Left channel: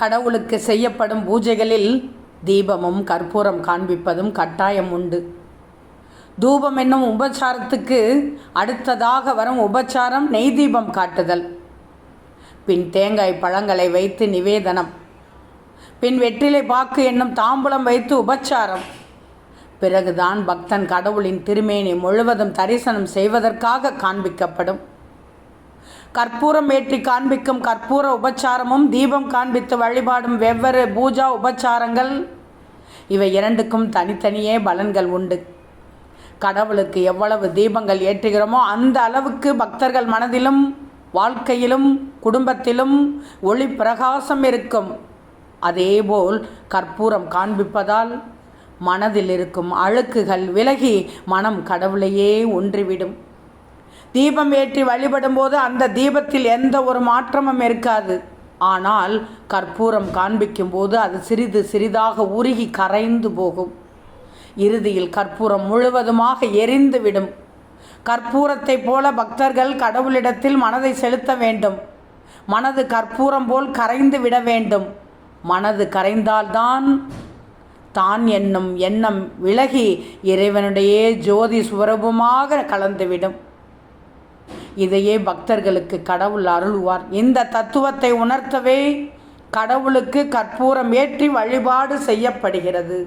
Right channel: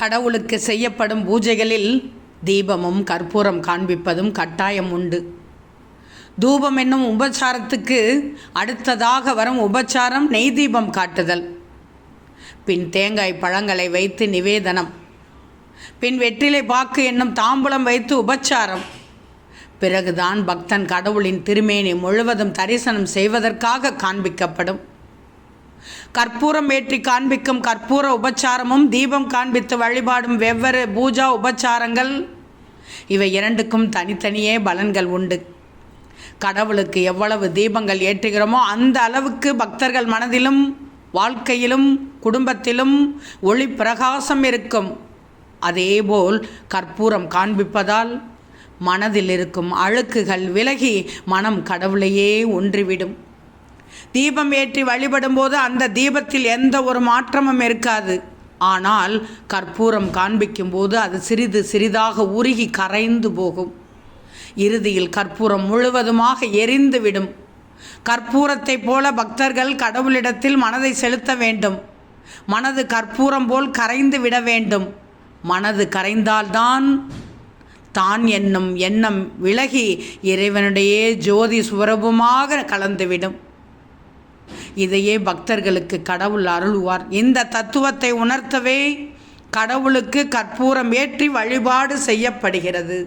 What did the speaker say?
கடவுளுக்கு செய்யப்படும் பூஜைகளில் தீபமும் கற்பூரம் காண்பிப்பதும் கட்டாயம் உண்டு. தூபம் என்னும் உபச்சாரத்துக்கு அடுத்ததாக வரும் உபச்சாரம் நெய் தீபம் காட்டுதல். பின் தேங்காய் பழங்களை வைத்து நிவேதனம். பின் வெற்றிலை பாக்கு என்னும் தாம்பூலம் வைத்து உபச்சாரம். பிறகுதான் பக்தன் கடவுளின் திருமேனி முழுவதும் தரிசனம் செய்வதற்காக காண்பிக்கப்படும். கற்பூரம் ஏற்றி காண்பிக்கும் கற்பூர உபச்சாரமும் தீபம் காண்பித்து வழிபாடும் வெவ்வேறு பூஜா உபச்சாரங்கள், இவை இரண்டுக்கும் தனித்தனியே பலன்கள் உண்டு. கடவுளுக்கு எவ்வளவு தீபங்கள் ஏற்றுகிறோமோ அந்த அளவுக்கு பக்தர்கள் மனதிலும் வாழ்க்கையிலும் குடும்பத்திலும் ஒளி பிரகாசம் இருக்கும். அதேபோல் கற்பூரம் காண்பிப்பதால் மனதில் இருக்கும் அழுக்குகள் விலகி மனம் கடவுளையே ஒன்றிவிடும். தீபம் ஏற்றி வழிபடும்போது அந்த தீபத்தில் எந்த ஒரு மாற்றமும் இருக்காது. ஆனால் கற்பூரம் காண்பிக்கும் போது அது சிறிது சிறிதாக உருகி கரைந்து போகும். இறுதியில் கற்பூரம் முழுவதுமாக எரிந்துவிடும். கற்பூரத்தை போல பக்தர்கள் கடவுளிடத்தில் மனதை செலுத்த வேண்டும். மனது கற்பூரம் போல் கரைந்து விட வேண்டும். மனது கரைந்தால்தான் தான் என்னும் எண்ணம் விலகி இறைவனுடைய ஜோதி சுவரூபமாக கலந்துவிடும். இதையே பக்தர்களுக்கு கடவுள் அருள்வார். இந்த தத்துவத்தை உணர்த்தவே கடவுளுக்கு கற்பூரம் ஏற்றி வழிபாடு செய்யப்படுகிறது.